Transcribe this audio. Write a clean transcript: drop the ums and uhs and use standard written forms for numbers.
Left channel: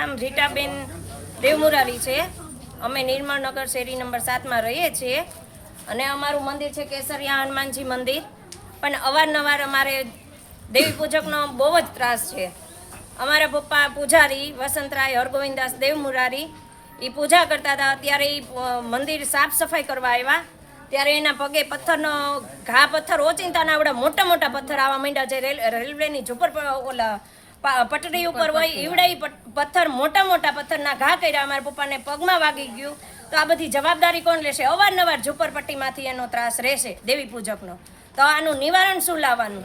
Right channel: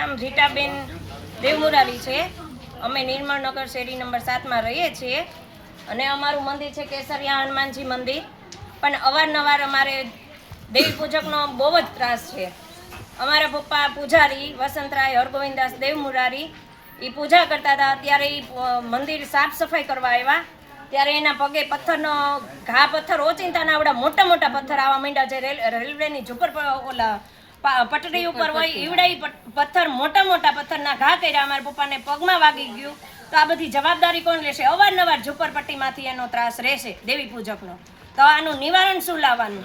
નામ રીટાબેન દેવમુરારી છે। અમે નિર્મળનગર શેરી નંબર 7 માં રહીએ છીએ અને અમારું મંદિર છે કેસરિયા હનુમાનજી મંદિર। પણ અવારનવાર અમારે દેવી પૂજકનો બહુ જ ત્રાસ છે। અમારા પપ્પા પૂજારી વસંતરાય હરગોવિંદાસ દેવમુરારી એ પૂજા કરતા હતા। ત્યારે એ મંદિર સાફ સફાઈ કરવા આવ્યા ત્યારે એના પગે પથ્થરનો ઘા પથ્થર ઓચિંતાના આવડા મોટા મોટા પથ્થર આવવા માંડ્યા। જે રેલવેની ઝુંપડ ઓલા પટરી ઉપર હોય એવડા પથ્થર મોટા મોટા પથ્થરના ઘા કર્યા। અમારા પપ્પાને પગમાં વાગી ગયું। તો આ બધી જવાબદારી કોણ લેશે? અવારનવાર ઝુંપડપટ્ટીમાંથી એનો ત્રાસ રહેશે દેવી પૂજકનો। તો આનું નિવારણ શું લાવવાનું?